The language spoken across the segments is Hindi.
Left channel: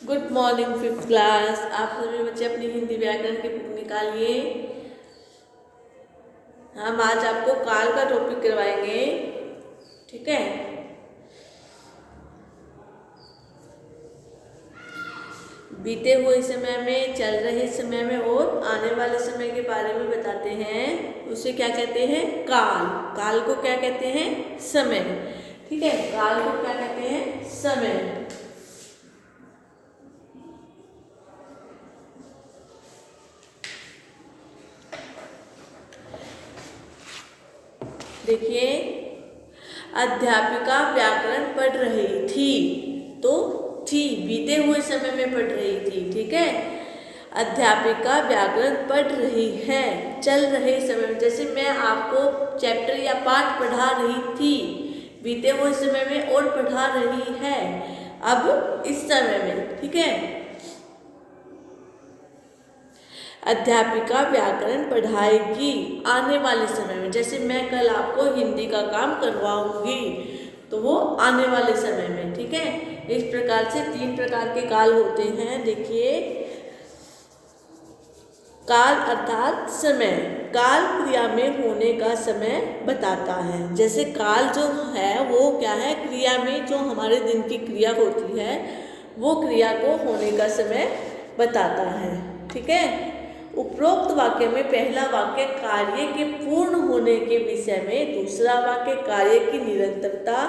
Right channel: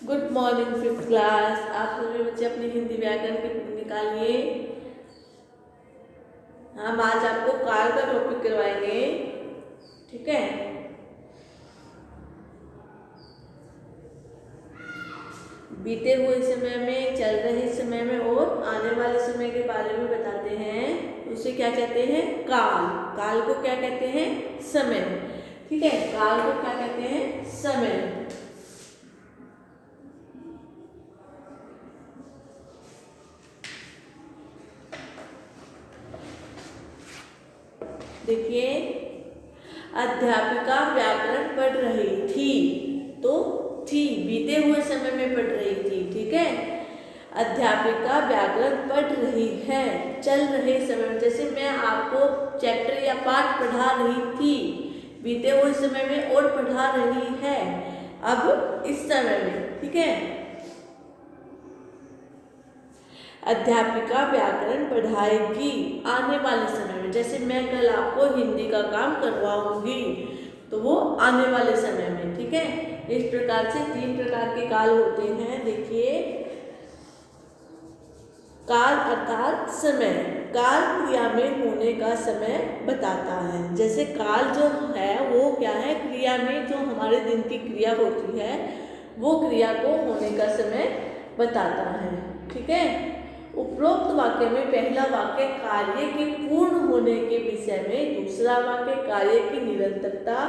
Good morning fifth class. आप सभी बच्चे अपनी हिंदी व्याकरण की बुक निकालिए। हम आज आपको काल का टॉपिक करवाएंगे, ठीक है। बीते हुए समय में, चल रहे समय में और आने वाले समय के बारे में बताते हैं। उसे क्या कहते हैं? काल। काल को क्या कहते हैं? समय, ठीक है। काल को क्या कहते हैं? समय। देखिए, अध्यापिका व्याकरण पढ़ रही थी, तो थी बीते हुए समय में पढ़ रही थी, ठीक है। अध्यापिका व्याकरण पढ़ रही है चल रहे समय में। जैसे मैं आपको चैप्टर या पाठ पढ़ा रही थी बीते हुए समय में और पढ़ा रही है अब इस समय में, ठीक है। अध्यापिका व्याकरण पढ़ाएगी आने वाले समय में। जैसे मैं कल आपको हिंदी का काम करवाऊंगी, तो वो आने वाले समय में, ठीक है। इस प्रकार से 3 प्रकार के काल होते हैं। देखिए, काल अर्थात समय। काल क्रिया में होने का समय बताता है। जैसे काल जो है वो क्या है? क्रिया में जो हमारे दिन की क्रिया होती है वो क्रिया को होने का समय बताता है, ठीक है। उपरोक्त वाक्य में पहला वाक्य कार्य के पूर्ण होने के विषय में, दूसरा वाक्य कार्य की निरंतरता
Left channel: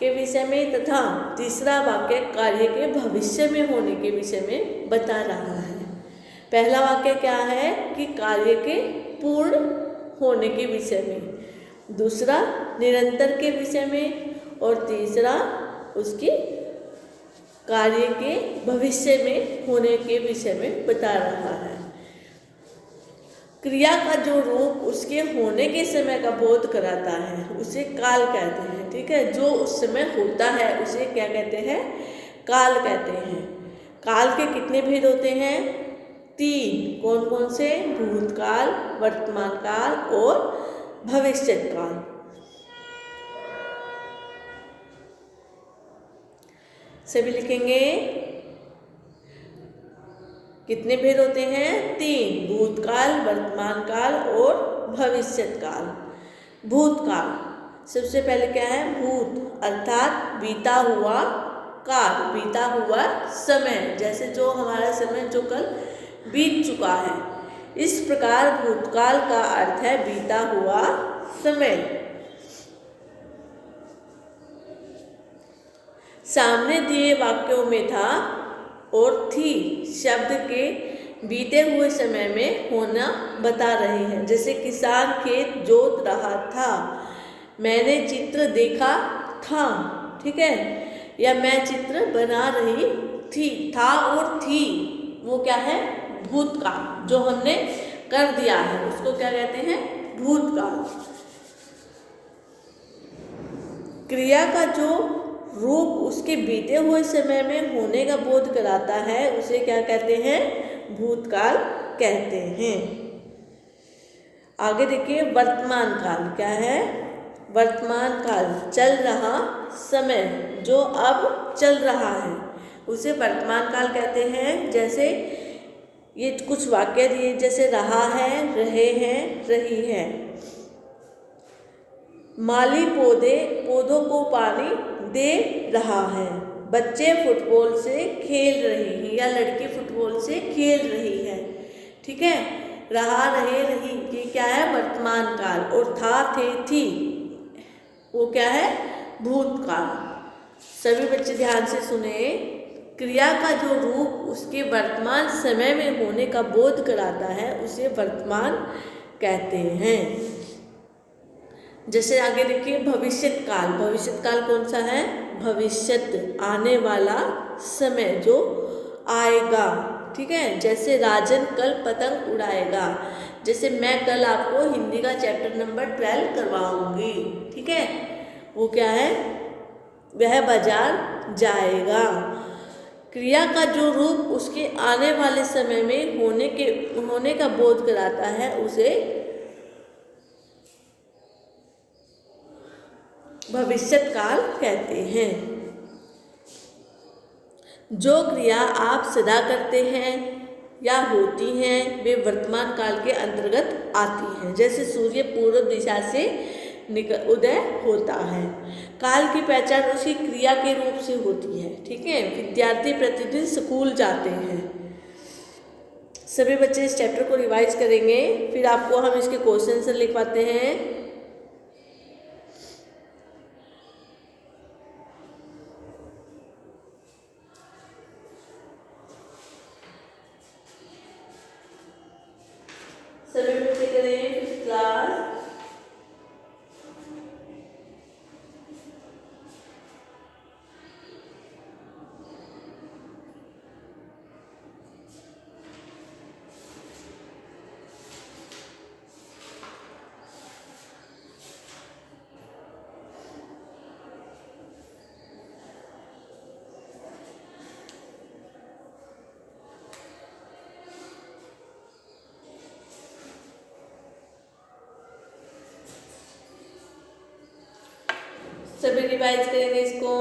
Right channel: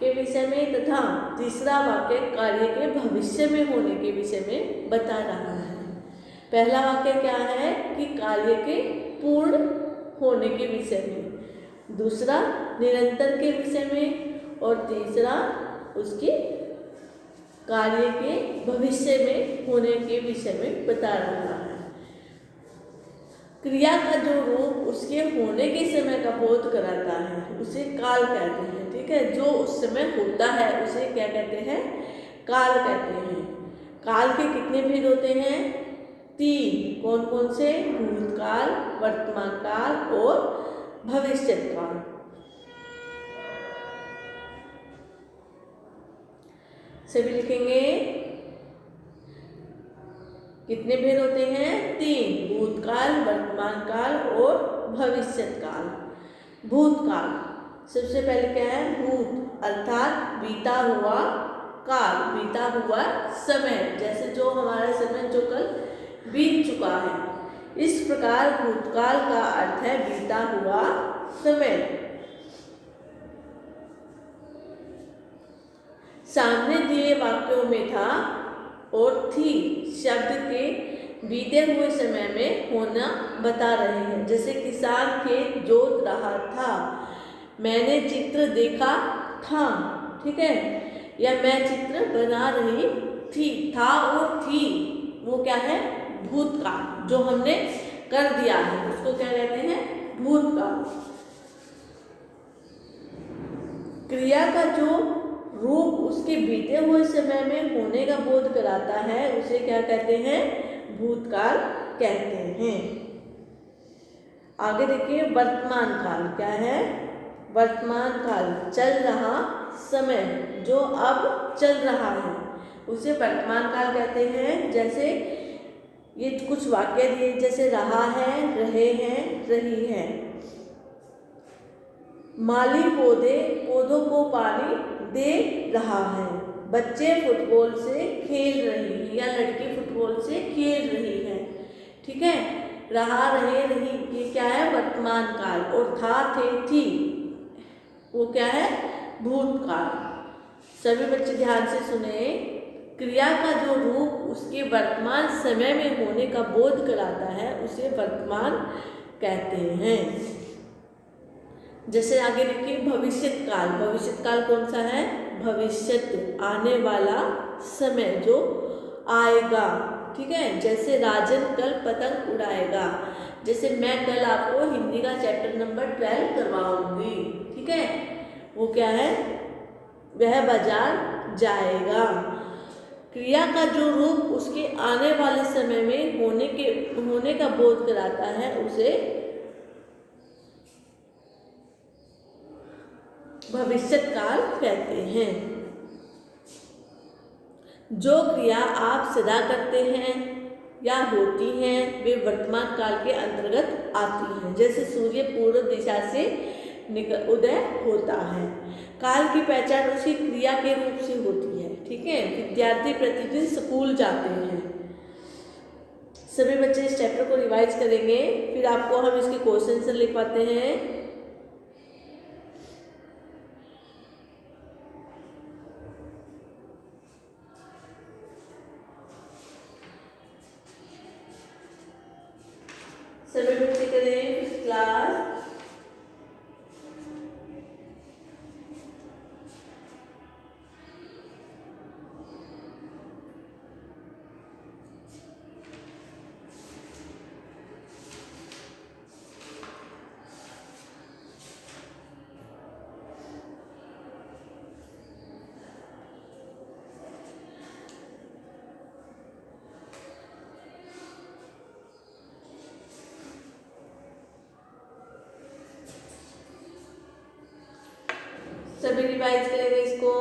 के विषय में तथा तीसरा वाक्य कार्य के भविष्य में होने के विषय में बता रहा है। पहला वाक्य क्या है कि कार्य के पूर्ण होने के विषय में, दूसरा निरंतर के विषय में और तीसरा उसकी कार्य के भविष्य में होने के विषय में बता रहा है। क्रिया का जो रूप उसके होने के समय का बोध कराता है उसे काल कहते हैं, ठीक है। जो उस समय होता है उसे क्या कहते हैं? काल कहते हैं। काल के कितने भेद होते हैं? 3। कौन कौन से? भूतकाल, वर्तमान काल और भविष्यत काल। सभी लिखेंगे। कितने भेद होते हैं? 3। भूतकाल, वर्तमान काल और भविष्यत काल। भूतकाल सबसे पहले क्या है? भूत अर्थात बीता हुआ, काल बीता हुआ समय, जैसे जो हमारा समय जो कल बीत चुका है। इस प्रकार भूतकाल का अर्थ है बीता हुआ समय। सामने दिए वाक्यों में था और थी शब्द के बीते हुए समय में होना बता रहे हैं। जैसे किसान खेत जोत रहा था, मैंने चित्र देखा था, ठीक है। या मैं चित्र बना रही थी। था और थी वो क्या है? भूतकाल। जो हमने कर दिया है उसको क्या कहते हैं? भूतकाल। क्रिया का जो रूप उसके बीते हुए समय में होने का बोध कराता है उसे क्या कहते हैं? भूतकाल कहते हैं। आगे देखिए, वर्तमान काल क्या है? वर्तमान काल चल रहा समय जो अब चल रहा है उसे वर्तमान काल कहते हैं। जैसे ये कुछ वाक्य दिए, जैसे रहा है, रहे हैं, रही है। माली पौधों को पानी दे रहा है। बच्चे फुटबॉल से खेल रही है या लड़की फुटबॉल से खेल रही है, ठीक है। रहा, रहे, रही ये क्या है? वर्तमान काल। और था, थे, थी वो क्या है? भूतकाल। सभी बच्चे ध्यान से सुने। क्रिया का जो रूप उसके वर्तमान समय में होने का बोध कराता है उसे वर्तमान कहते हैं। जैसे आगे देखिए, भविष्यत काल। भविष्यत काल कौन सा है? भविष्यत आने वाला समय जो आएगा, ठीक है। जैसे राजन कल पतंग उड़ाएगा। जैसे मैं कल आपको हिंदी का चैप्टर नंबर 12 करवाऊंगी, ठीक है। वो क्या है? वह बाजार जाएगा। क्रिया का जो रूप उसके आने वाले समय में होने का बोध कराता है उसे भविष्यत काल कहते हैं। जो क्रिया आप सदा करते हैं या होती हैं वे वर्तमान काल के अंतर्गत आती हैं। जैसे सूर्य पूर्व दिशा से उदय होता है। काल की पहचान उसी क्रिया के रूप से होती है। ठीक है। विद्यार्थी प्रतिदिन स्कूल जाते हैं। सभी बच्चे इस चैप्टर को रिवाइज करेंगे, फिर आपको हम इसके क्वेश्चन लिखवाते हैं। सभी बच्चे करें फिफ्थ क्लास। सभी रिवाइज करेंगे इसको।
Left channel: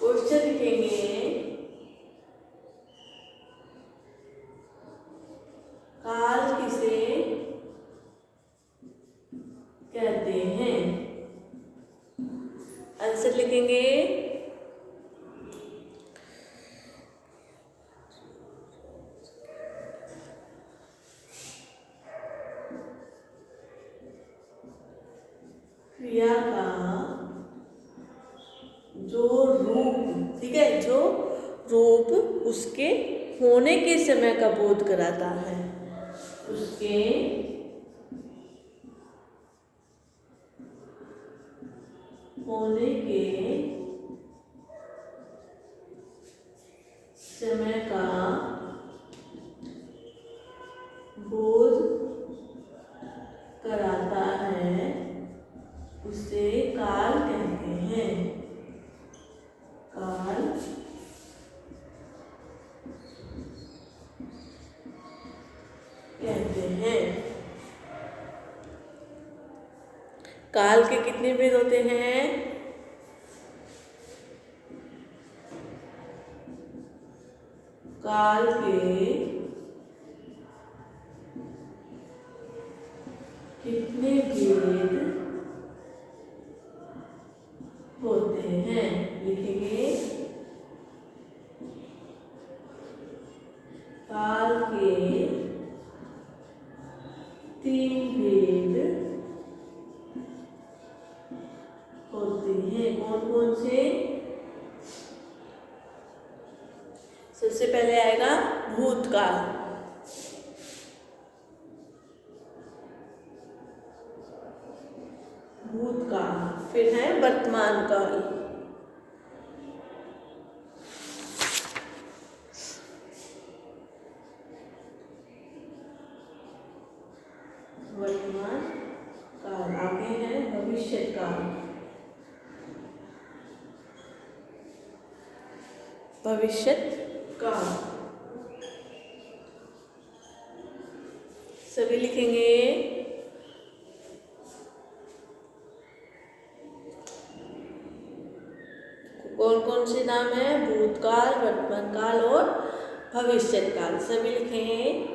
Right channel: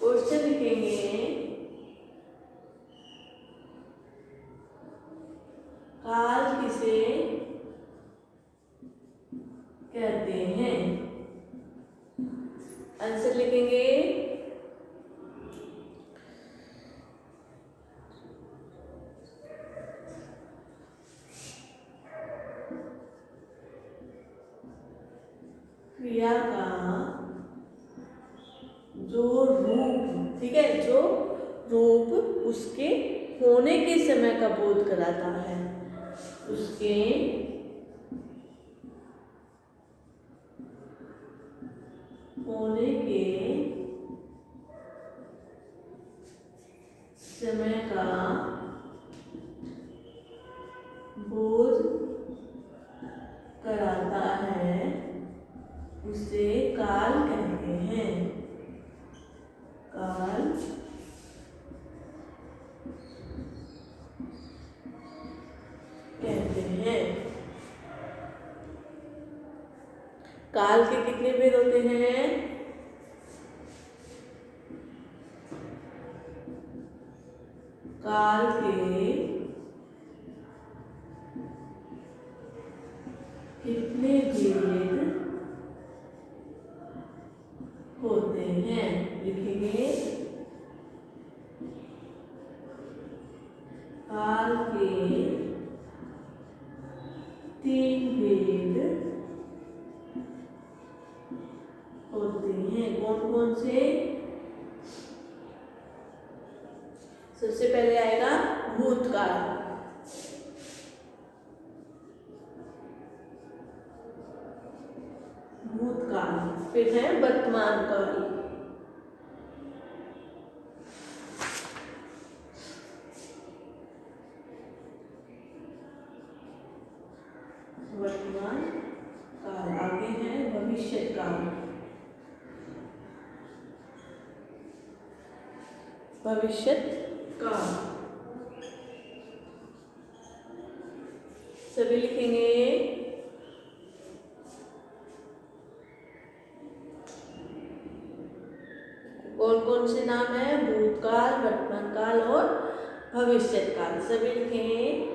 क्वेश्चन लिखेंगे। काल किसे कहते हैं? आंसर लिखेंगे। क्रिया का जो रूप, ठीक है, जो रूप उसके होने के समय का बोध कराता है, उसके होने के समय का बोध कराता है, उसे काल कहते हैं। काल कहते हैं। काल के कितने भेद होते हैं? काल के कितने भेद होते हैं? लिखेंगे। काल के 3 भेद होते हैं। कौन कौन से? सबसे पहले आएगा भूतकाल। भूतकाल, फिर है वर्तमान काल। वर्तमान काल। आगे है भविष्य काल। भविष्य काल सभी लिखेंगे। कौन कौन से नाम है? भूतकाल, वर्तमान काल और भविष्य काल। सभी लिखेंगे।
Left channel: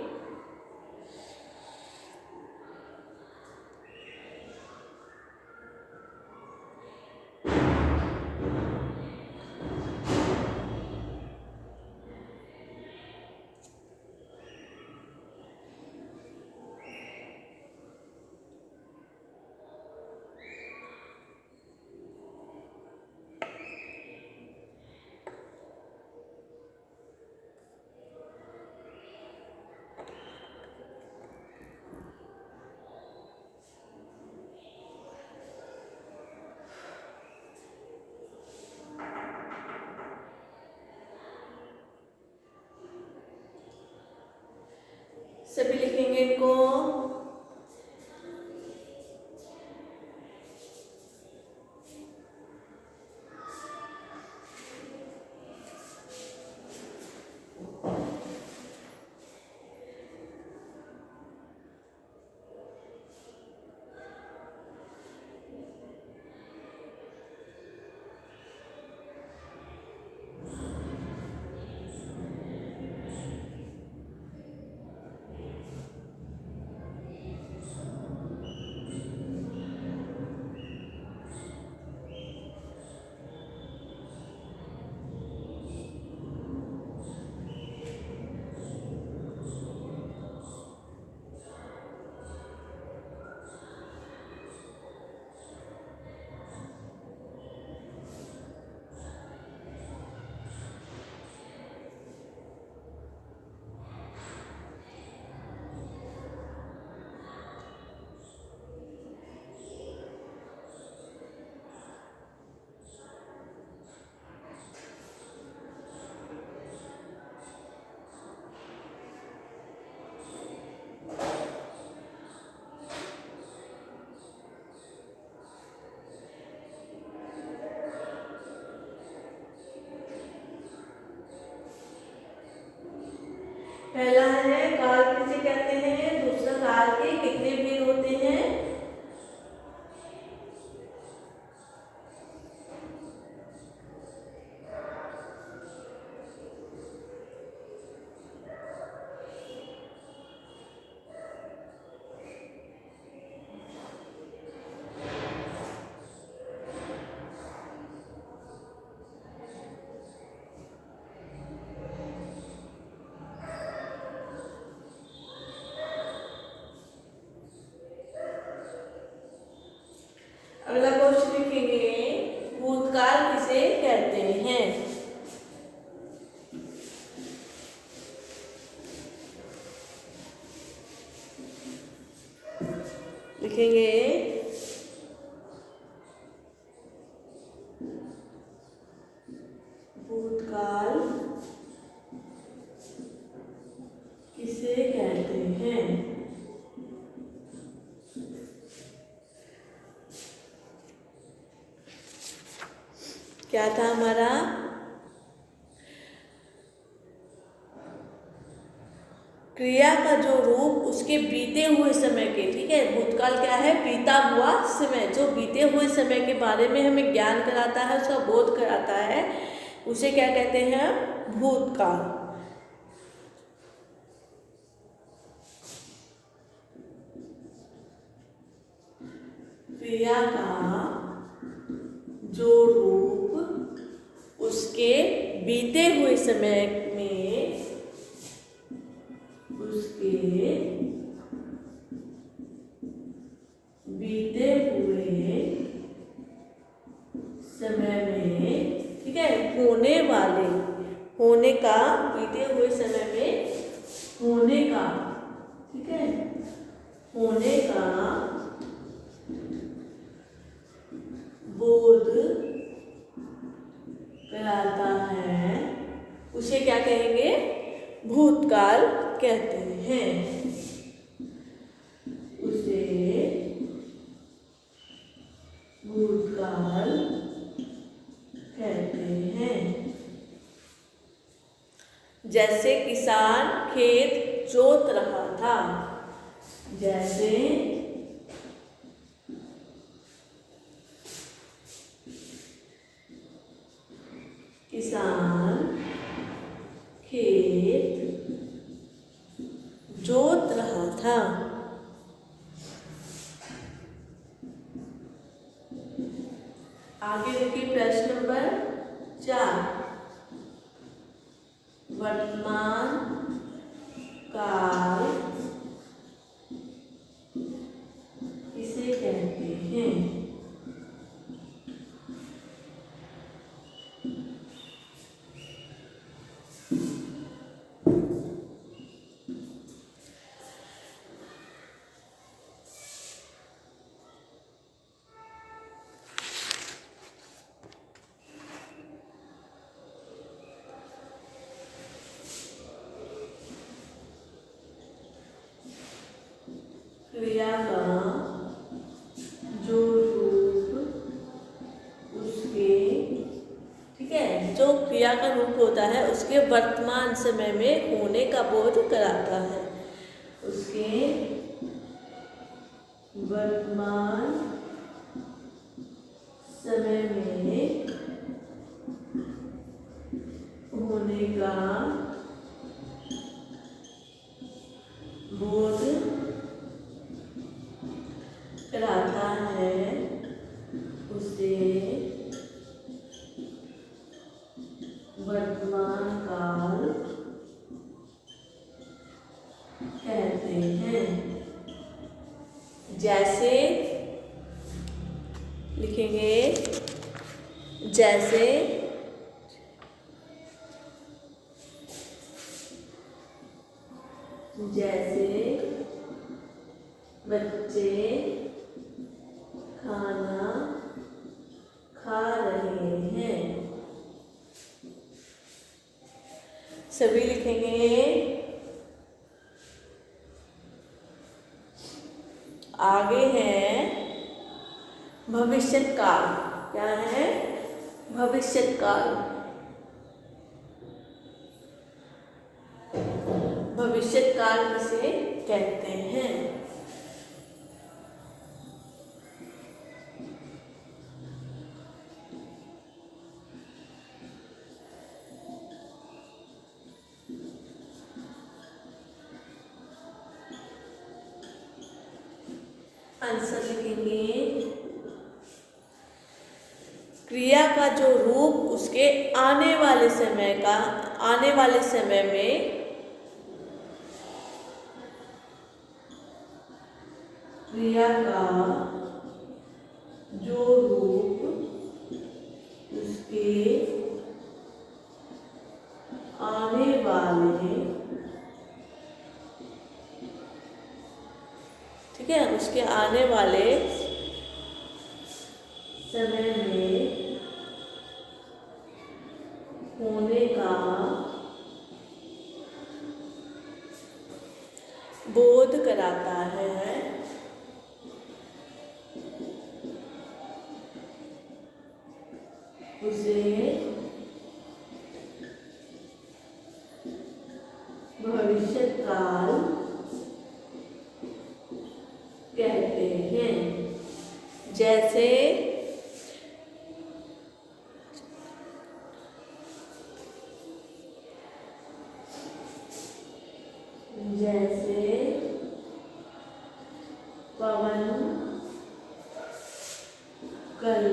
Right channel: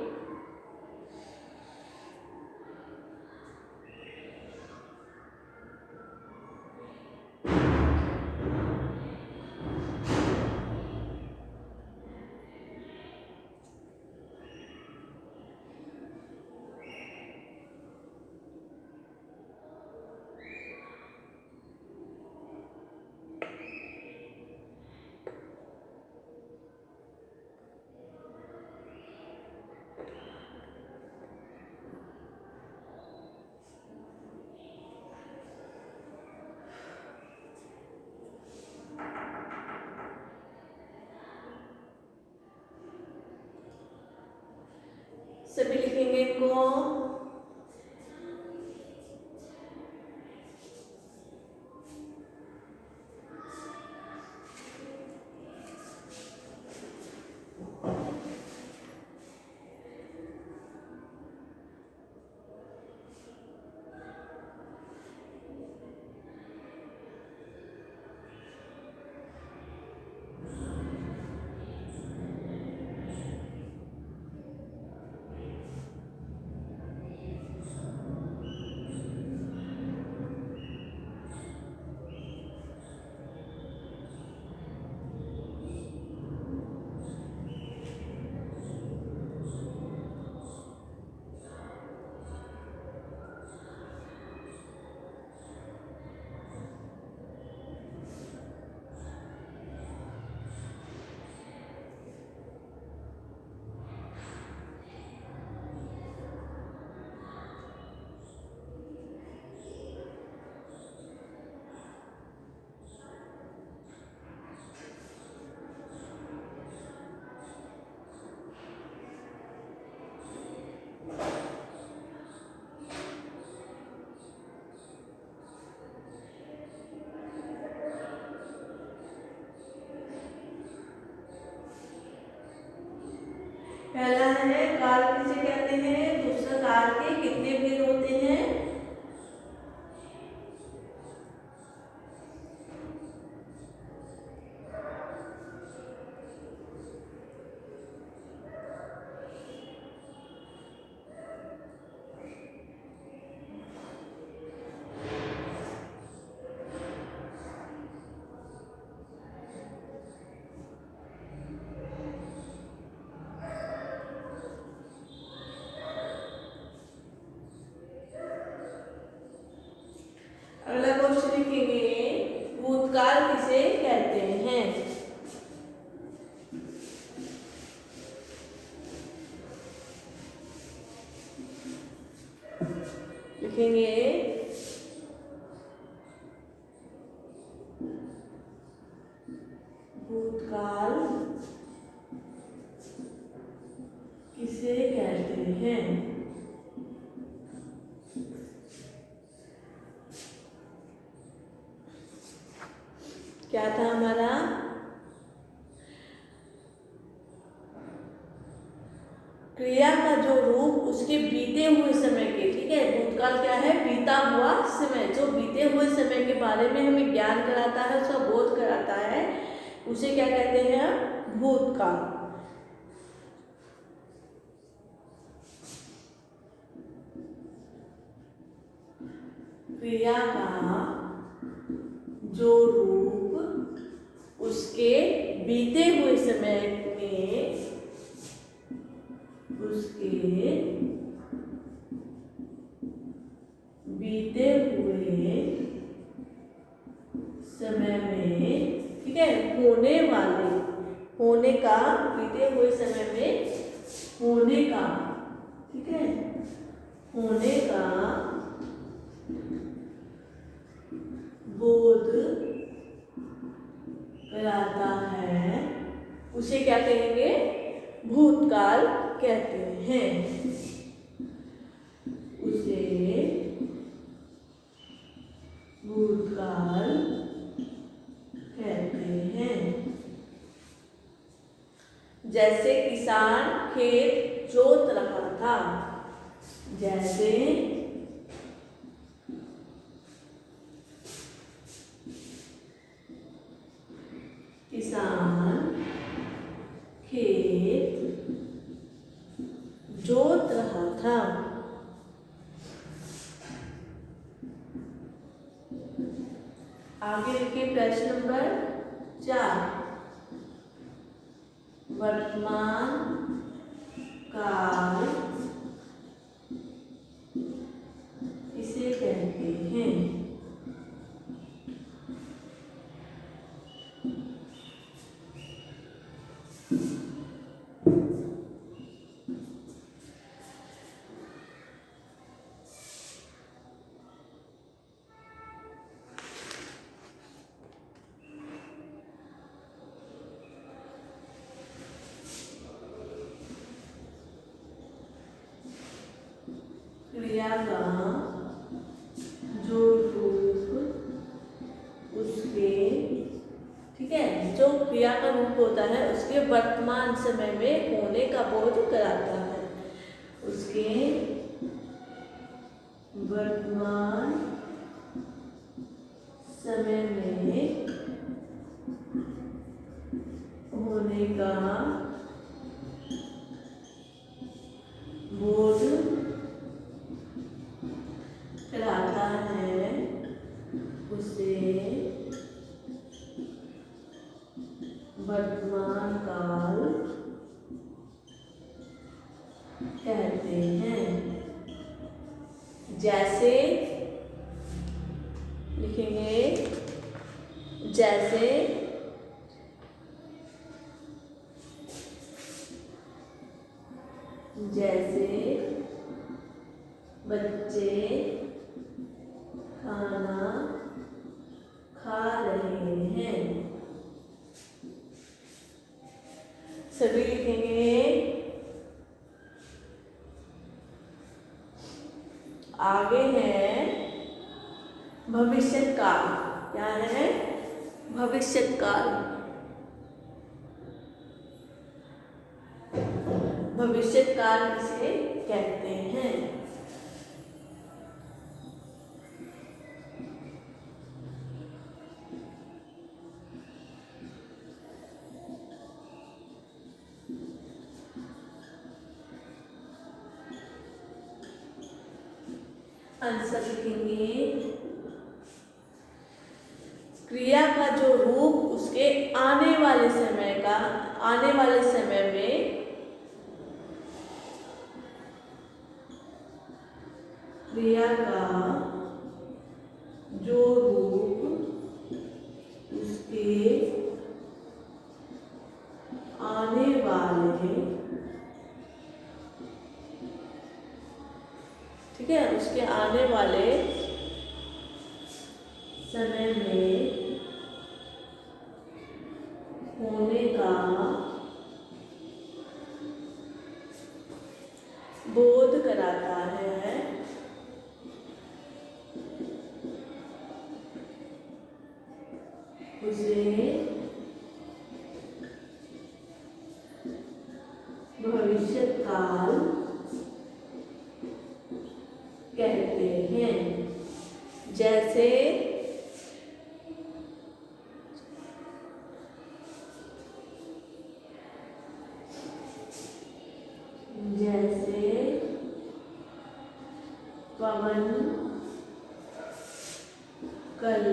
सभी लिखेंगे इनको। पहला है काल किसे कहते हैं, दूसरा काल के कितने भेद होते हैं, अगला क्वेश्चन लिखेंगे भूतकाल किसे कहते हैं। लिखेंगे भूतकाल किसे कहते हैं। क्या था हमारा, क्रिया का जो रूप उसके बीते हुए समय के, ठीक है, भूतकाल क्या है, बीता हुआ समय, जो बीते हुए समय के बारे में हमें ज्ञान कराता है, उसका बोध कराता है, उसे क्या कहते हैं, भूतकाल। क्रिया का जो रूप उसके बीते हुए समय में, उसके बीते हुए समय में, ठीक है, होने वाले, होने का, बीते हुए समय में होने का, ठीक है, होने का बोध कराता है, उसे क्या कहेंगे, भूतकाल कहते हैं। उसे भूतकाल कहते हैं। जैसे किसान खेत जोत रहा था, जैसे किसान खेत जोत रहा था। आगे देखिए प्रश्न नंबर 4, वर्तमान काल किसे कहते हैं। क्रिया का जो रूप उसके, ठीक है, जो क्रिया का रूप होता है उसके वर्तमान समय में होने का बोध कराता है, उसके वर्तमान समय में होने का बोध कराता है, उसे वर्तमान काल कहते हैं। जैसे लिखेंगे, जैसे जैसे बच्चे खाना खा रहे हैं, सभी लिखेंगे। आगे है भविष्यकाल, क्या है, भविष्यकाल। किसे कहते हैं। आंसर लिखेंगे, क्रिया का जो रूप उसके आने वाले समय में क्रिया का जो रूप उसके आने वाले, ठीक है, उसके आने वाले समय में होने का बोध कराता है, उसे भविष्य काल कहते हैं। जैसे पवन कल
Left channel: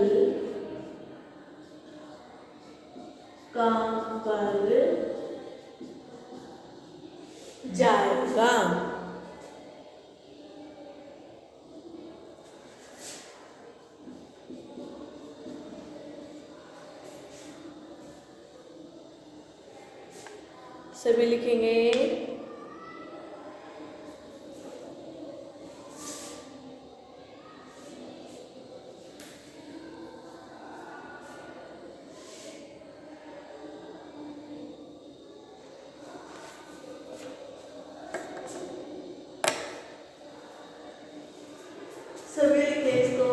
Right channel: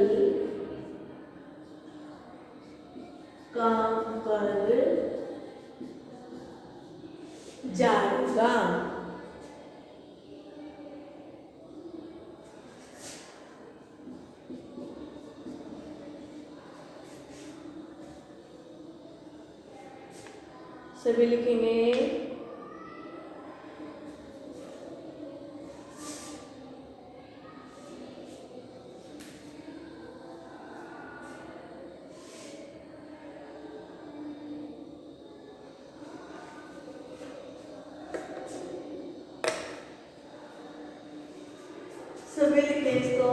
काम पर जाएगा। सभी लिखेंगे, सभी लिखें इसको।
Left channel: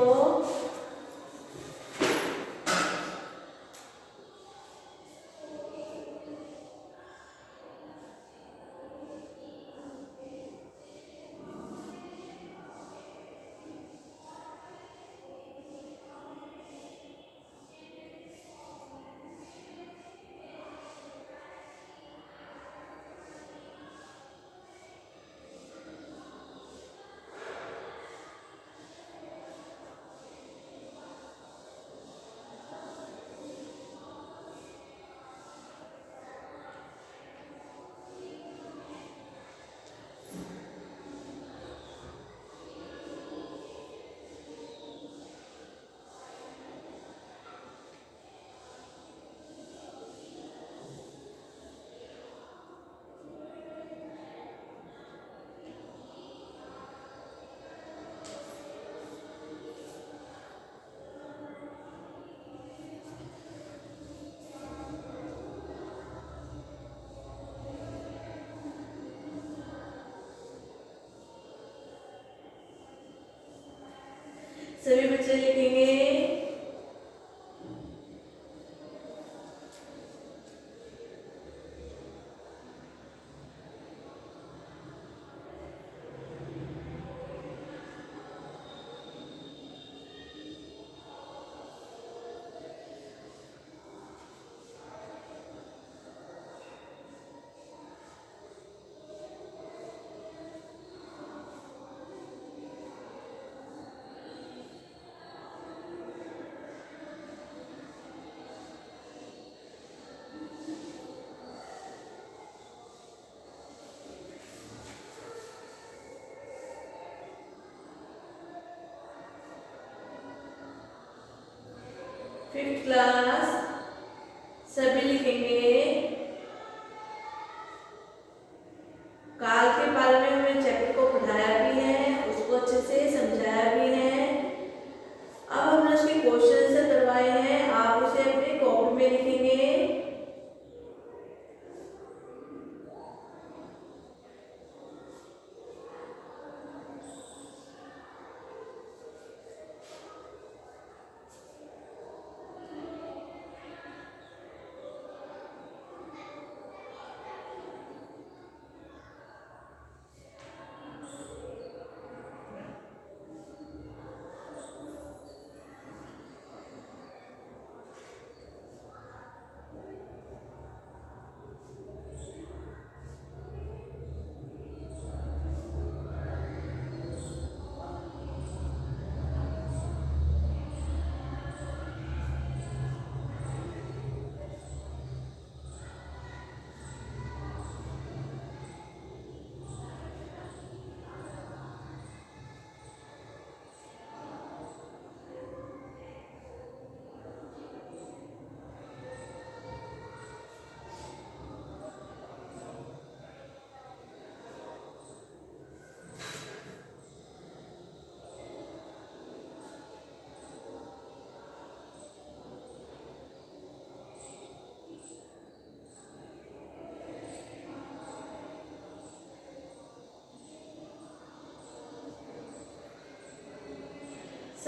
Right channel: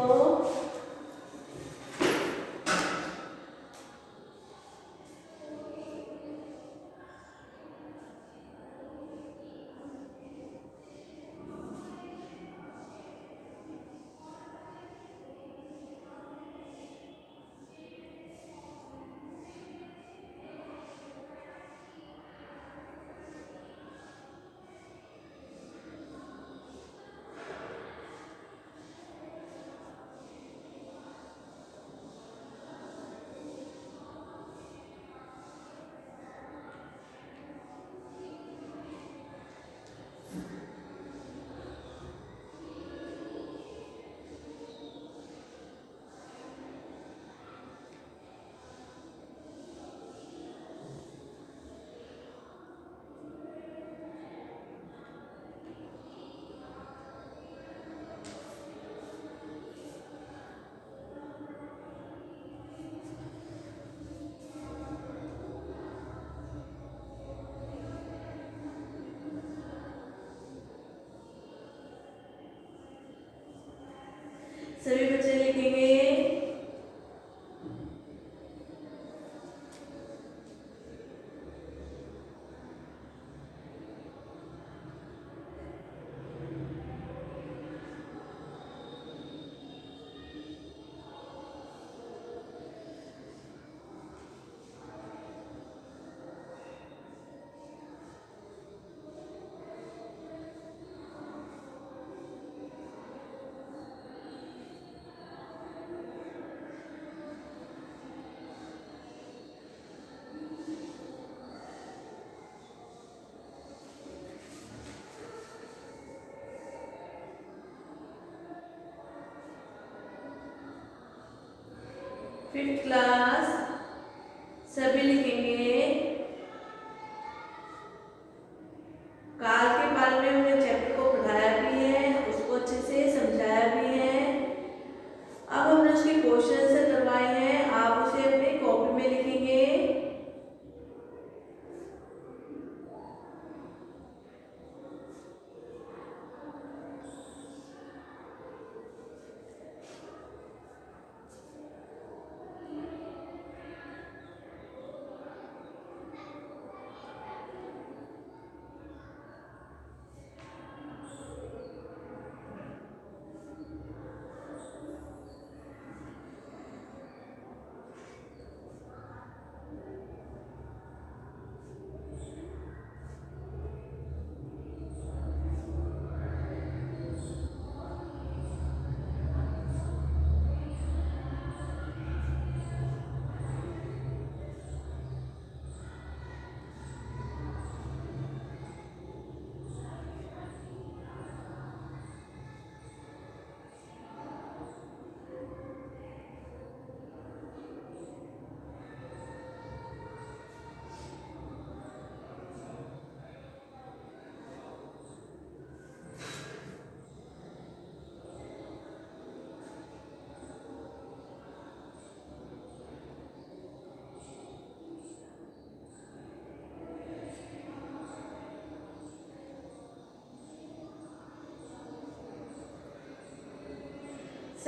सभी बच्चे लिखेंगे, फिफ्थ क्लास सभी लिखेंगे। काल के बारे में हमने चैप्टर को पढ़ाया भी है, उसको अच्छे से समझाया भी है। अब हमने उसके क्वेश्चन से करवाए हैं, आप उसे अपने कॉपी में लिखेंगे।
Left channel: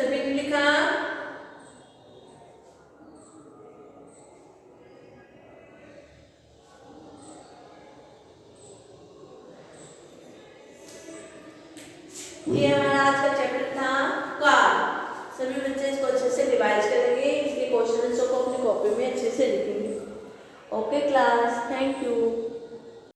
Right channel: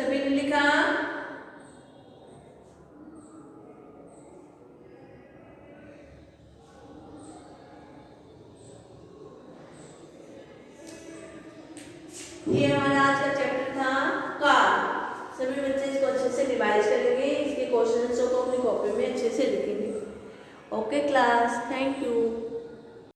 सभी ने लिखा? ये हमारा आज का चैप्टर था काल। सभी बच्चे इसको अच्छे से रिवाइज करेंगे, इसके क्वेश्चन को अपनी कॉपी में अच्छे से लिखेंगे। Okay class, thank you.